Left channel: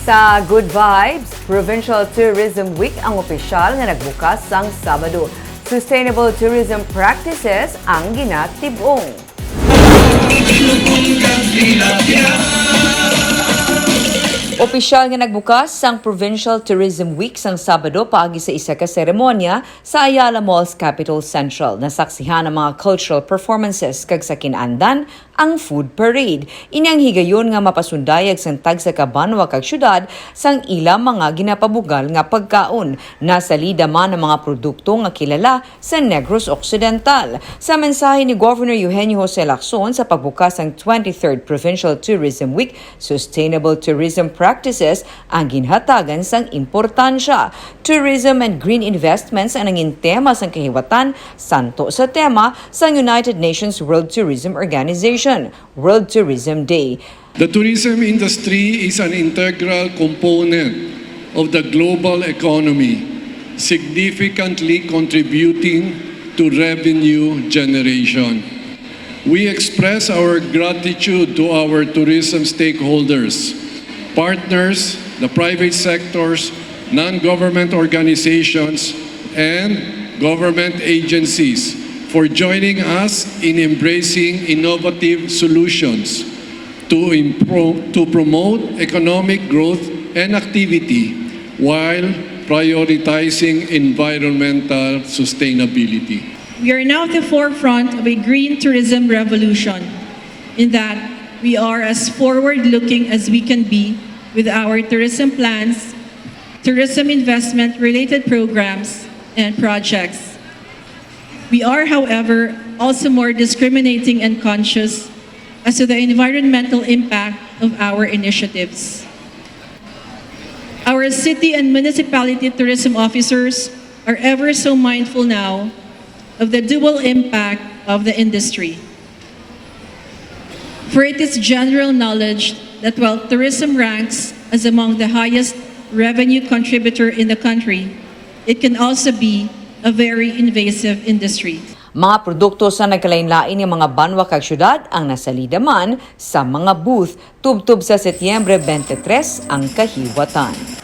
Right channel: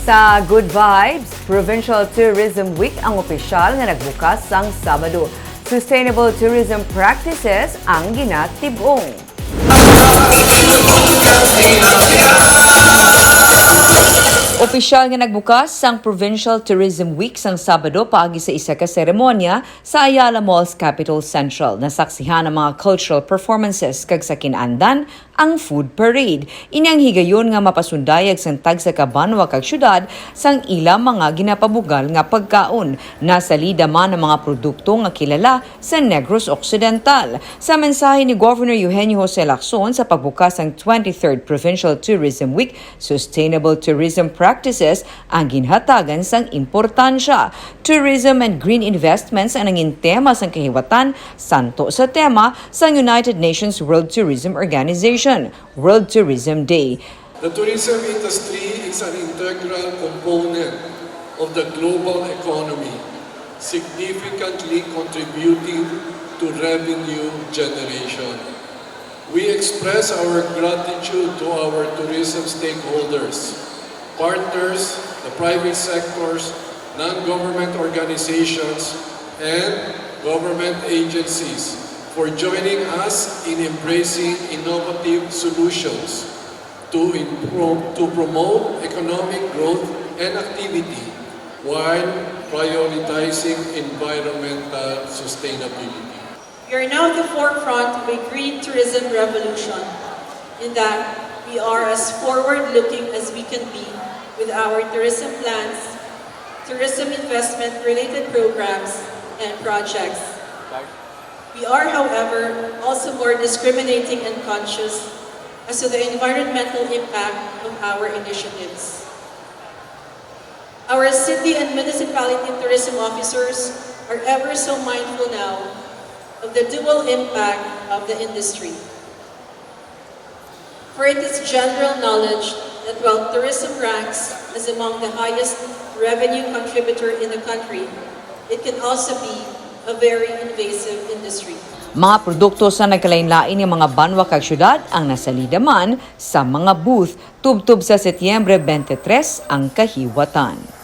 Sa Good Vibes, Provincial Tourism Week ang opisyal nga nagbukas sang Sabado. Sustainable tourism practices ang ginatibong. Opisyal nga nagbukas sang Provincial Tourism Week sang Sabado paagi sa isa ka seremonya sa Ayala Mall's Capital Central. Nasaksihan ang mga cultural performances kag sa kinandan ang food parade. Inyang higayon nga mapasundayag sang tagsa ka banwa kag syudad sang ilang mga ginapabugal nga pagkaon. Nasalida man ang mga produkto nga kilala sa Negros Occidental. Sa mensahe ni Governor Eugenio Jose Lacson sa pagbukas ng 23rd Provincial Tourism Week, sustainable tourism practices ang ginhatagan sang importansya. Tourism and green investments ang nanging tema sang kahiwatan santo sa tema sang United Nations World Tourism Organization, World Tourism Day. The tourism industry is an integral component of the global economy, significantly contributing to revenue generation. We express our gratitude to our tourism stakeholders, partners, the private sectors, non-government organizations, and government agencies for joining us in embracing innovative solutions to promote economic growth and activity while prioritizing environmental sustainability. We are now at the forefront of a green tourism revolution in that we are as forward-looking as we can be with our tourism plans, tourism investment-related programs, and projects. We are, however, also more discriminating and conscious as to the environmental impact of our initiatives. Our city and municipality tourism officers are ever so mindful now of the dual impact of the industry. For it is general knowledge that while tourism ranks as among the highest revenue contributor in the country, it can also be a very invasive industry. Mga produkto sa nagkalain-lain ng mga banwa kag syudad ang nasalida man sa mga booth tubtub sa Setyembre 23 ang kahiwatan.